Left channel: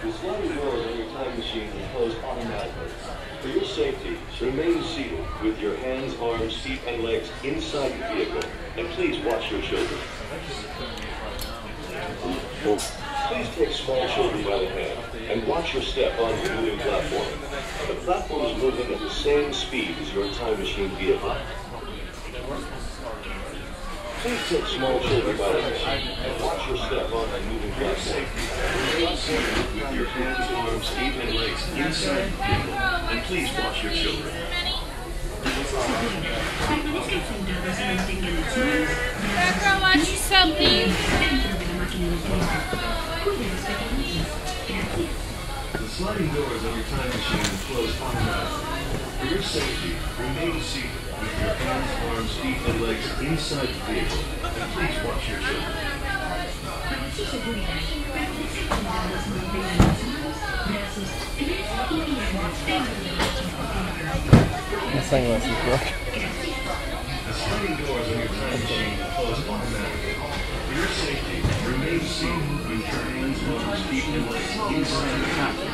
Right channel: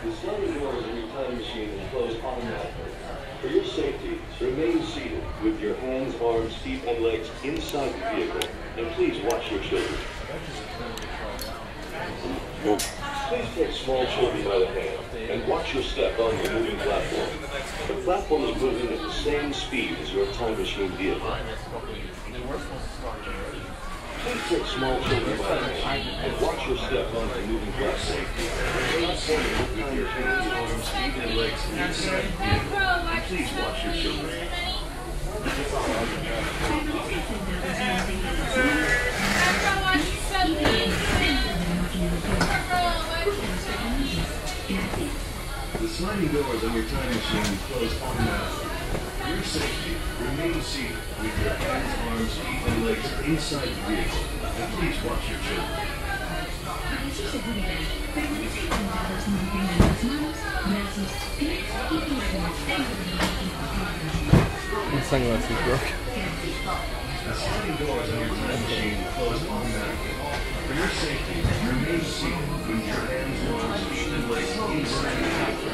The sliding doors on your time machine will close automatically. For your safety, remain seated with your hands, arms, feet, and legs inside the vehicle, and please watch your children. Please take small children by the hand and watch your step on the moving platform. The platform is moving at the same speed as your time machine vehicle. Please take small children by the hand and watch your step on the moving platform. With your hands, arms, feet, and legs inside the vehicle, and please watch your children. The sliding doors on your time machine close automatically. For your safety, remain seated with your hands, arms, feet, and legs inside the vehicle, and please watch your children. My sunglasses broke. The sliding doors on your time machine close automatically. For your safety, remain seated with your hands, arms, feet, and legs inside the vehicle.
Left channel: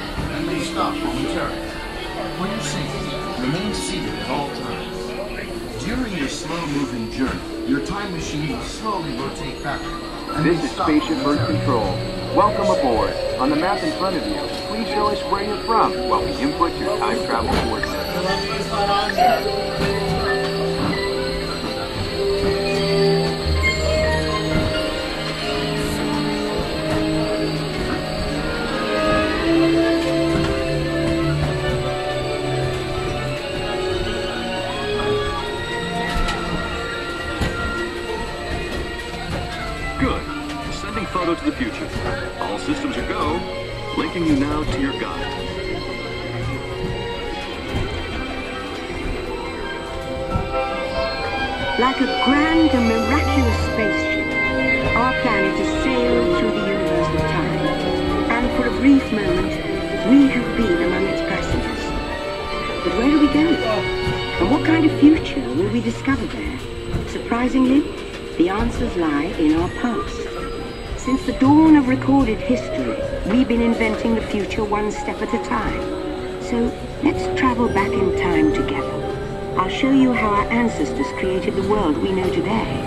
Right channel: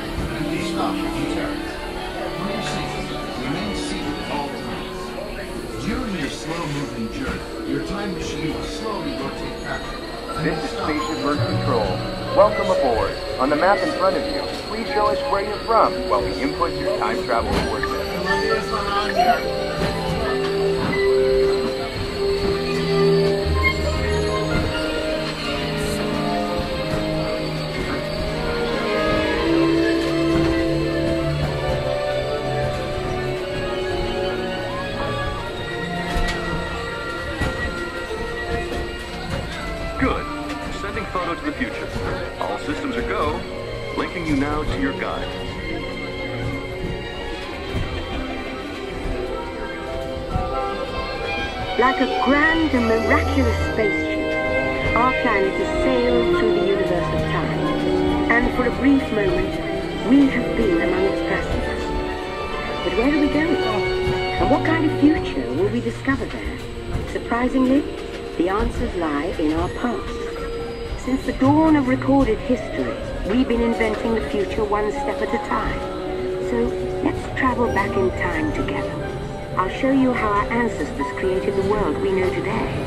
Please stop your turn. For your safety, remain seated at all times. During your slow-moving journey, your time machine will slowly rotate backward. This is Spaceship Earth Control. Welcome aboard. On the map in front of you, please show us where you're from while we input your time travel coordinates. Good. Sending photo to the future. All systems are go. Linking you now to your guide. Like a grand and miraculous spaceship, our planet has sailed through the universe of time. And for a brief moment, we have been among its passengers. But where are we going? And what kind of future will we discover there? Surprisingly, the answers lie in our past. Since the dawn of recorded history, we've been inventing the future one step at a time. So let's travel back in time together. I'll show you how our ancestors created the world we know today.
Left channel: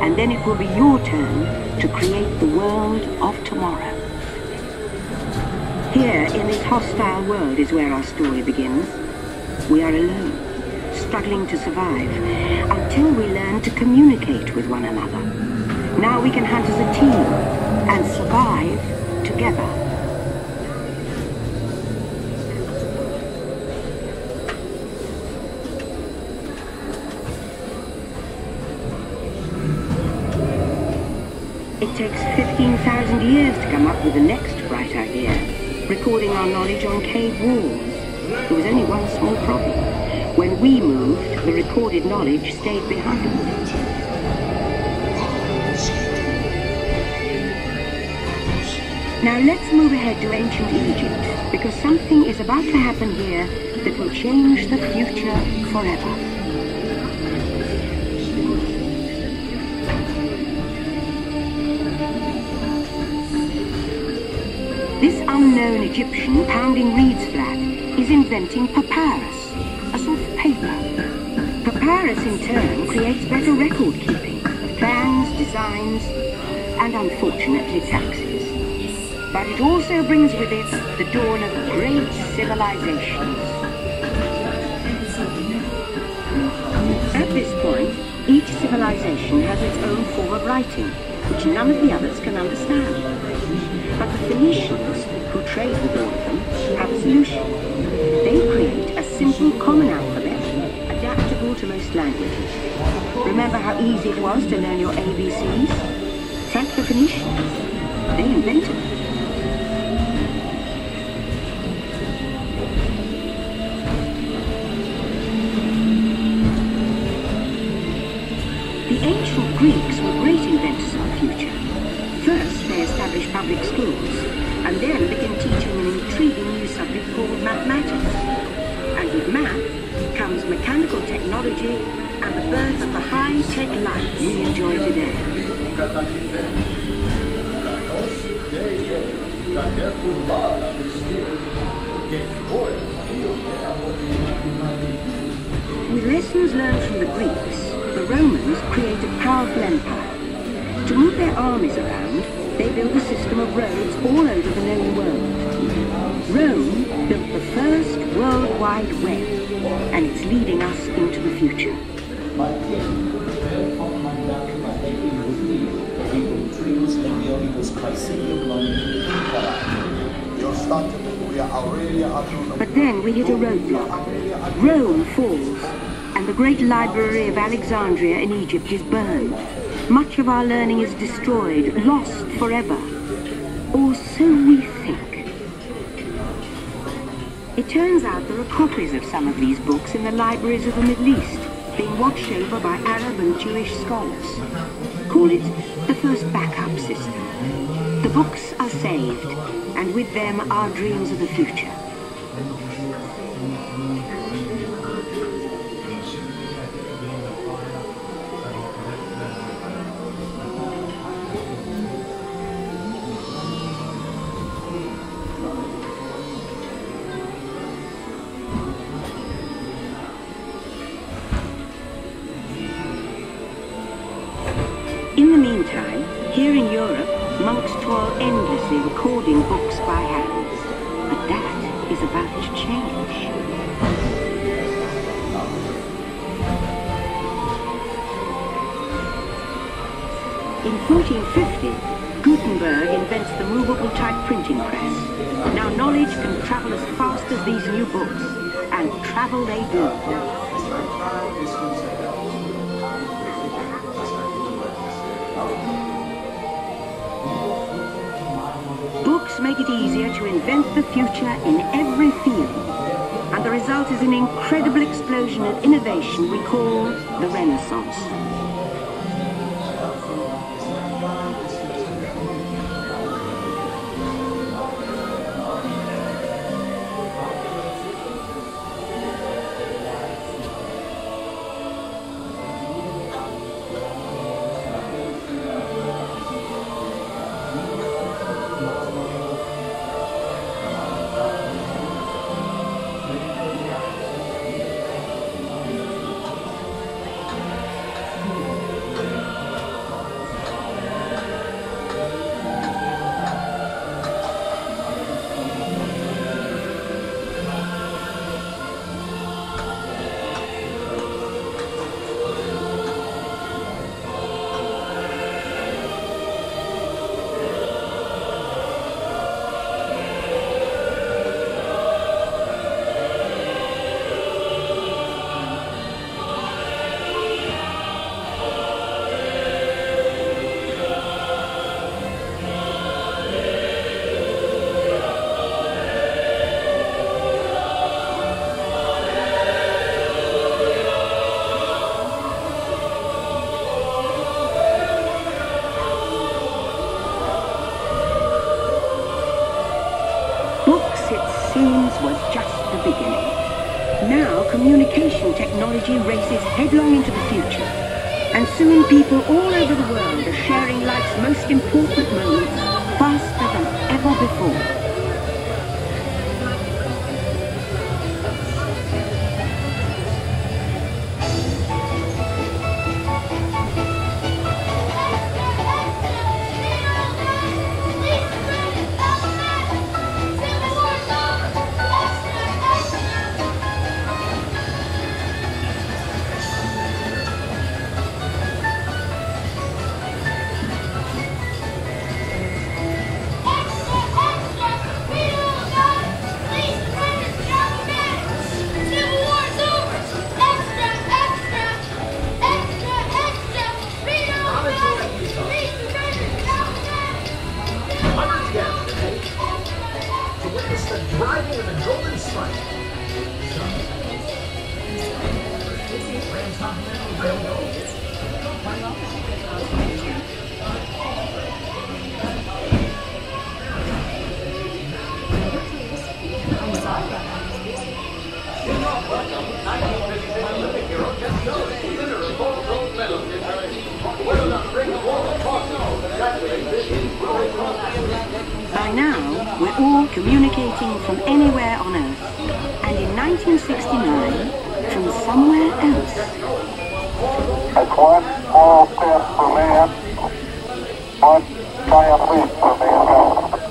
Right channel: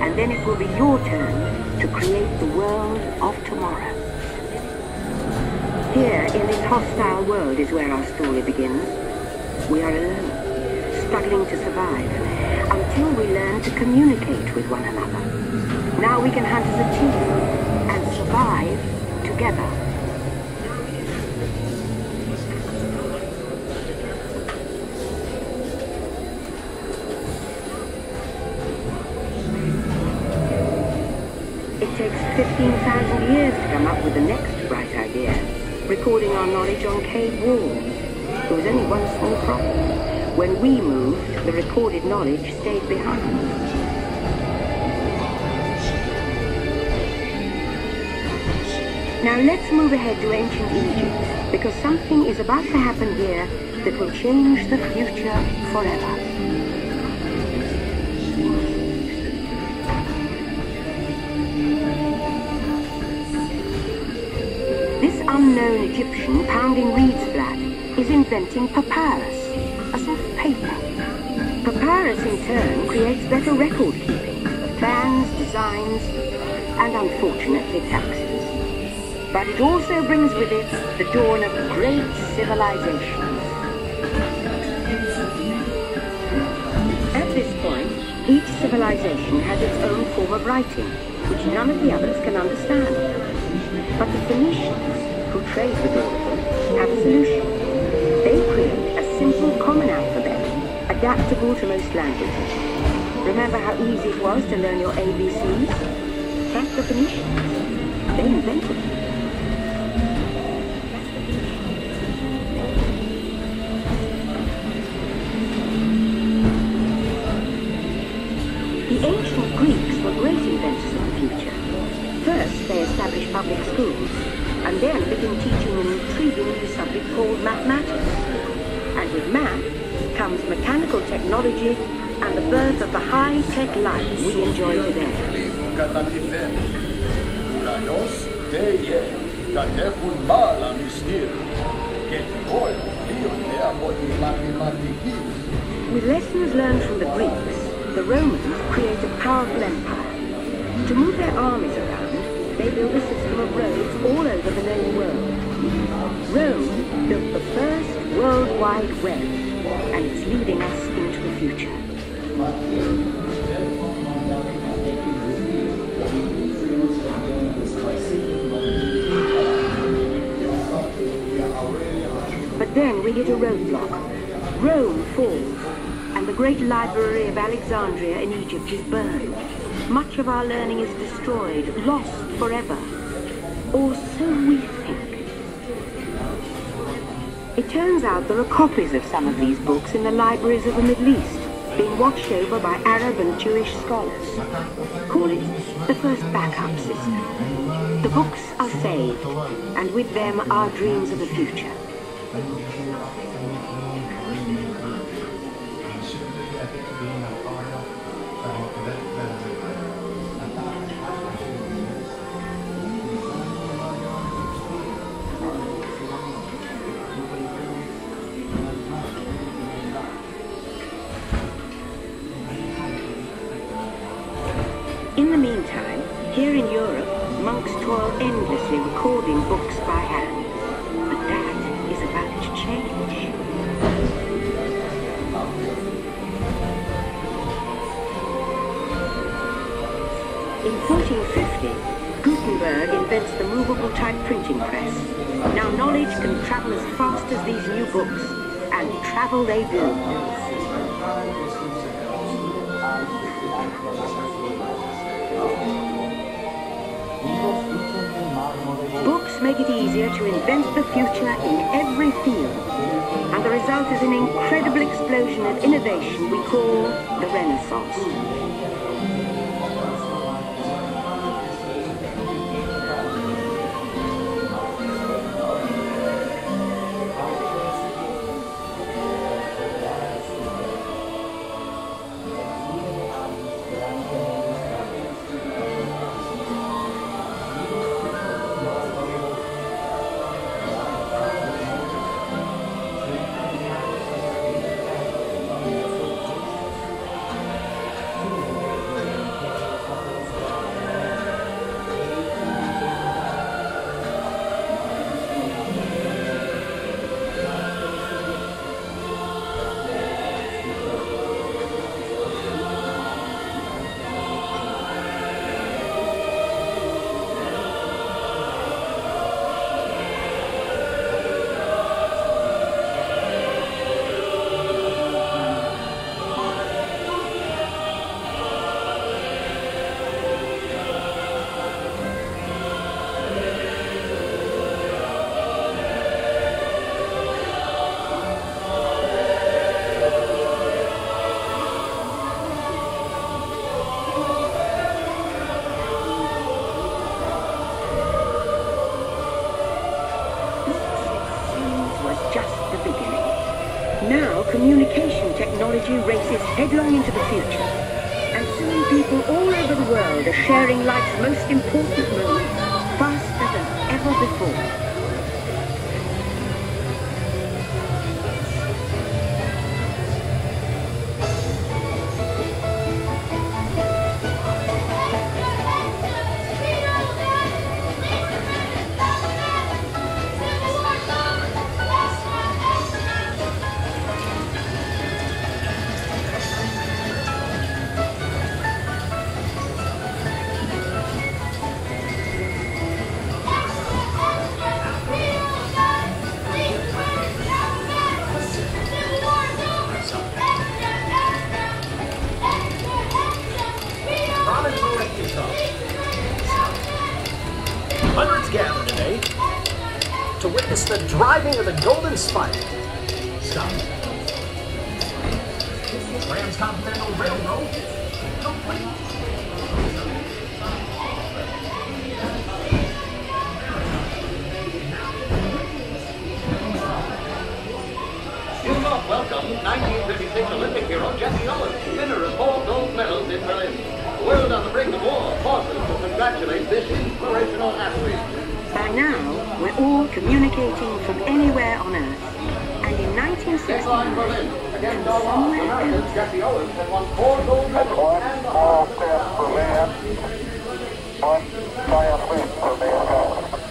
And then it will be your turn to create the world of tomorrow. Here, in this hostile world, is where our story begins. We are alone, struggling to survive, until we learn to communicate with one another. Now we can hunt as a team and survive together. It takes 15,000 years to come up with the next bright idea, recording our knowledge on cave walls. There was only one small problem. When we moved, the recorded knowledge stayed behind. Now let's move ahead to ancient Egypt, because something is about to happen here that will change the future forever. This unknown Egyptian pounding reeds flat is inventing papyrus, a sort of paper. Papyrus in turn creates better record keeping of plans, designs, and unfortunately taxes. But it also brings with it the dawn of great civilizations. At this point, each civilization has its own form of writing, which none of the others can understand. But the Phoenicians, who trade with all of them, have a solution. They create a simple common alphabet, adaptable to most languages. Remember how easy it was to learn your ABCs? Thank the Phoenicians. They invented it. The ancient Greeks were great inventors of the future. First, they established public schools, and then began teaching an intriguing new subject called mathematics. And with math comes mechanical technology and the birth of the high-tech life we enjoy today. With lessons learned from the Greeks, the Romans create a powerful empire. To move their armies around, they build a system of roads all over the known world. Rome built the first World Wide Web, and it's leading us into the future. But then we hit a roadblock. Rome falls, and the great library of Alexandria in Egypt is burned. Much of our learning is destroyed, lost forever. Or so we think. It turns out there are copies of some of these books in the libraries of the Middle East, being watched over by Arab and Jewish scholars. Call it the first backup system. The books are saved, and with them our dreams of the future. In the meantime, here in Europe, monks toil endlessly recording books by hand. But that is about to change. In 1450, Gutenberg invents the movable type printing press. Now knowledge can travel as fast as these new books, and travel they do. Books make it easier to invent the future in every field, and the result is an incredible explosion of innovation we call the Renaissance. Was just the beginning. Now communication technology races headlong into the future, and soon people all over the world are sharing life's most important moments faster than ever before. By now, we're all communicating from anywhere on Earth, and in 1969, from somewhere else. That's one small step for man, one giant leap for mankind.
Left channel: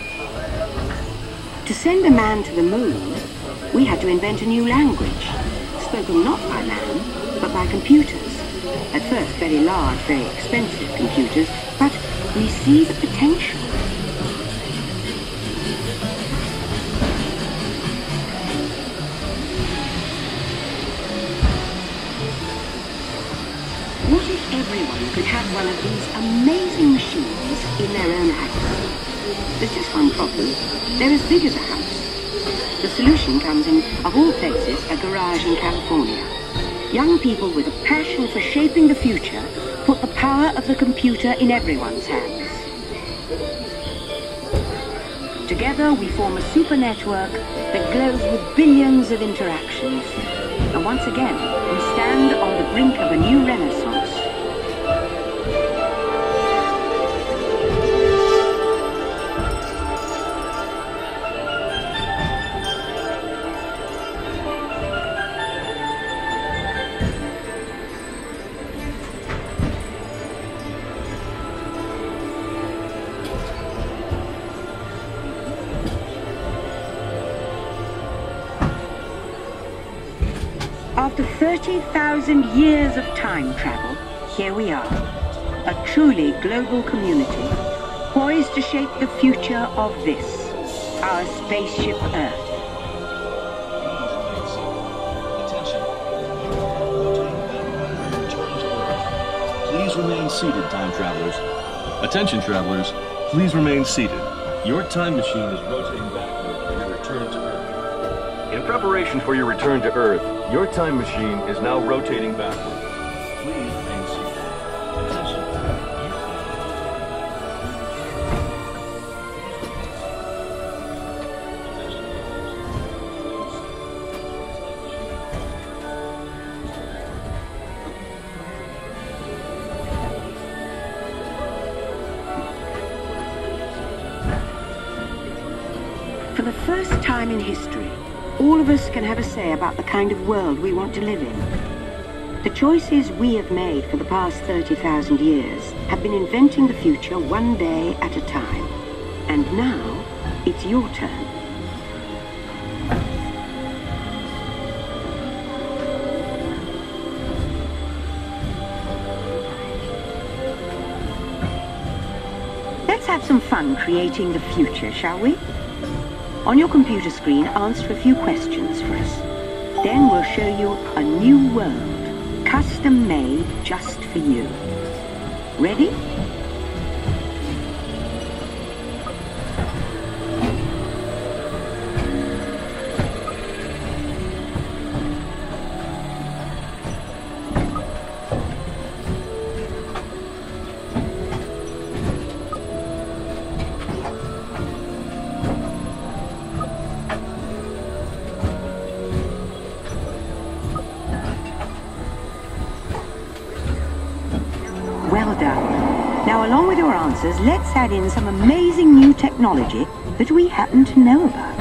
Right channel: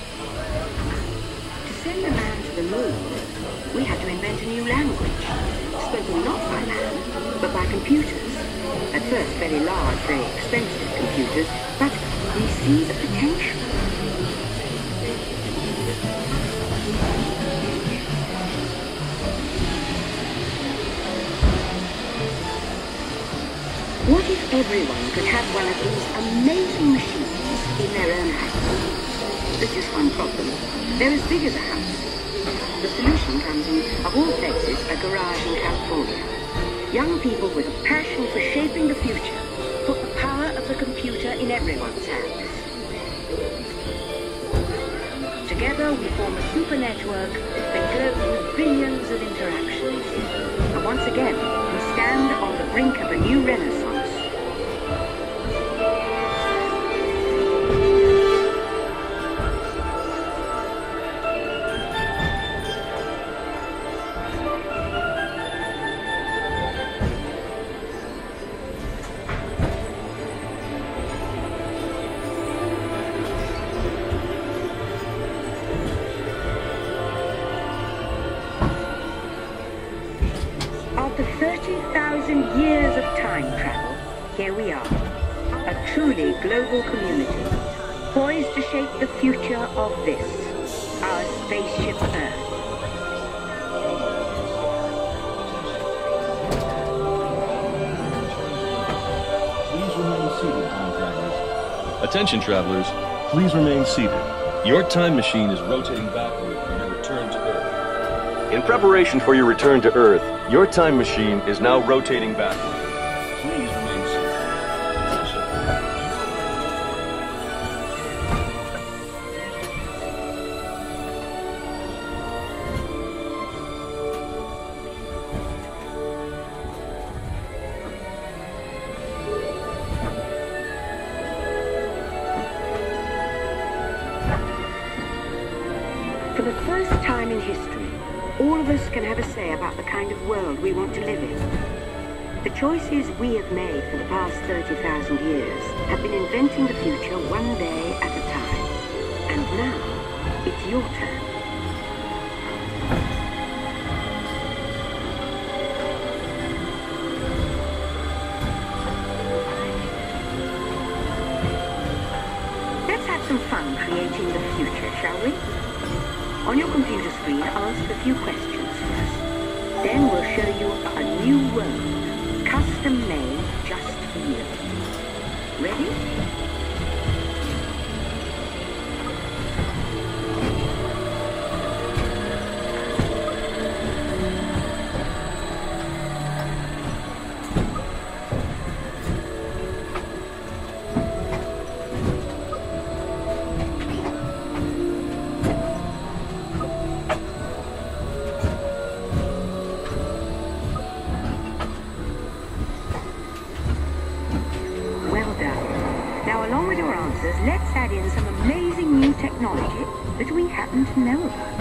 To send a man to the moon, we had to invent a new language, spoken not by man, but by computers. At first, very large, very expensive computers, but we see the potential. What if everyone could have one of these amazing machines in their own house? There's just one problem. They're as big as a house. The solution comes in, of all places, a garage in California. Young people with a passion for shaping the future put the power of the computer in everyone's hands. Together we form a super network that glows with billions of interactions. And once again, we stand on the brink of a new renaissance. After 30,000 years of time travel, here we are, a truly global community, poised to shape the future of this, our spaceship Earth. Please remain seated, time travelers. Attention, travelers. Please remain seated. Your time machine is rotating backward for your return to Earth. In preparation for your return to Earth, your time machine is now rotating backward. Please remain seated. Attention. For the first time in history, all of us can have a say about the kind of world we want to live in. The choices we have made for the past 30,000 years have been inventing the future one day at a time. And now, it's your turn. Let's have some fun creating the future, shall we? On your computer screen, answer a few questions for us. Then we'll show you a new world, custom made just for you. Ready? Well done. Now, along with your answers, let's add in some amazing new technology that we happen to know about.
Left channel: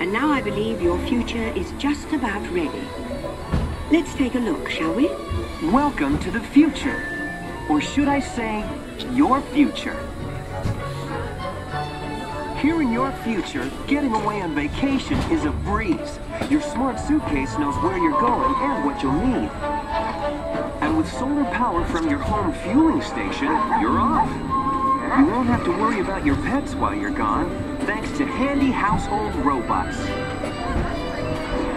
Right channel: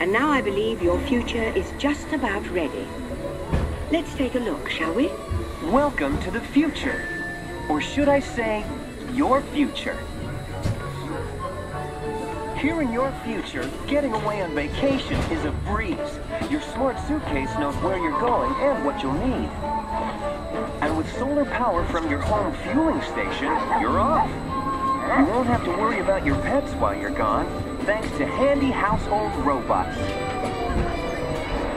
And now I believe your future is just about ready. Let's take a look, shall we? Welcome to the future. Or should I say, your future. Here in your future, getting away on vacation is a breeze. Your smart suitcase knows where you're going and what you'll need. And with solar power from your home fueling station, you're off. You won't have to worry about your pets while you're gone, thanks to handy household robots.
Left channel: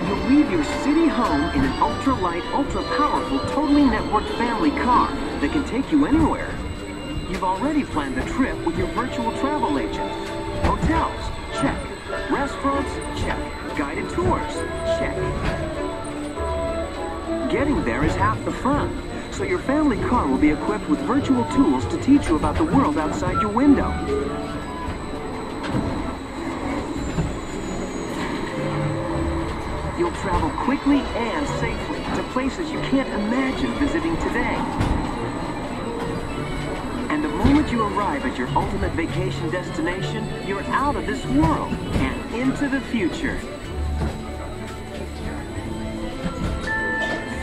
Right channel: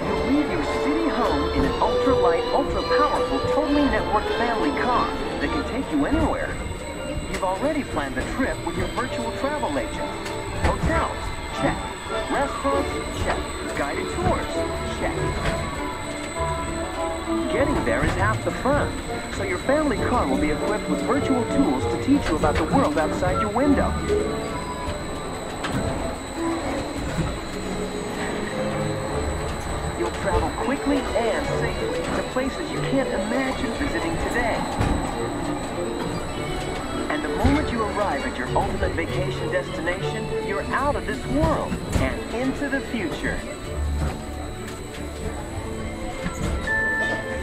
You'll leave your city home in an ultra-light, ultra-powerful, totally networked family car, that can take you anywhere. You've already planned the trip with your virtual travel agent. Hotels, check. Restaurants, check. Guided tours, check. Getting there is half the fun, so your family car will be equipped with virtual tools to teach you about the world outside your window. You'll travel quickly and safely to places you can't imagine visiting today. And the moment you arrive at your ultimate vacation destination, you're out of this world and into the future.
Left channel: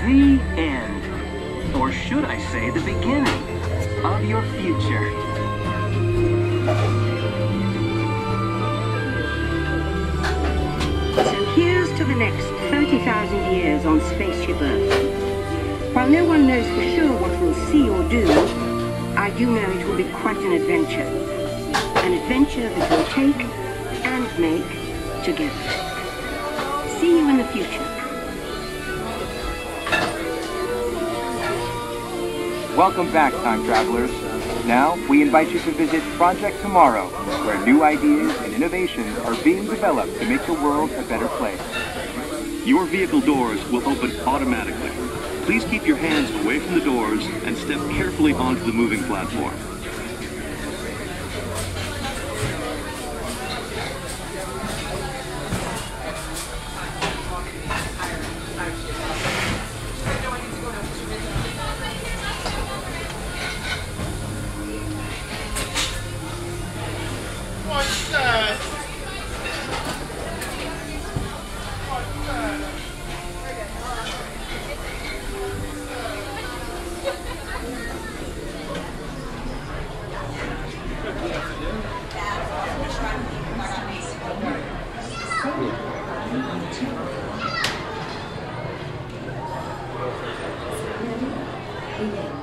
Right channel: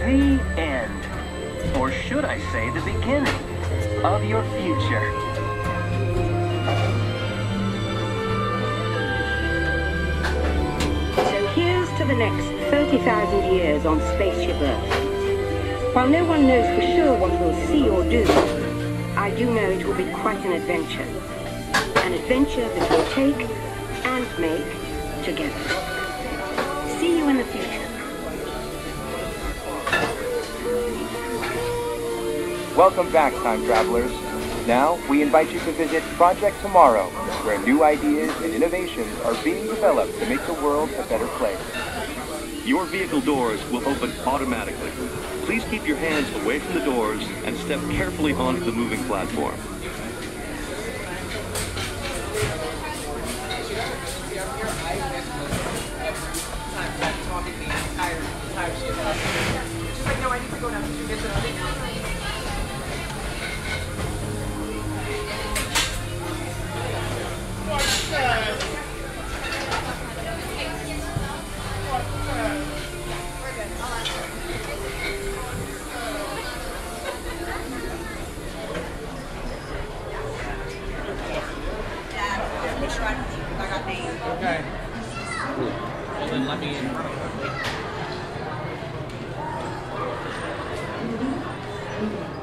The end. Or should I say the beginning of your future. So here's to the next 30,000 years on Spaceship Earth. While no one knows for sure what we'll see or do, I do know it will be quite an adventure. An adventure that we'll take and make together. See you in the future. Welcome back, time travelers. Now, we invite you to visit Project Tomorrow, where new ideas and innovations are being developed to make the world a better place. Your vehicle doors will open automatically. Please keep your hands away from the doors and step carefully onto the moving platform. Yeah.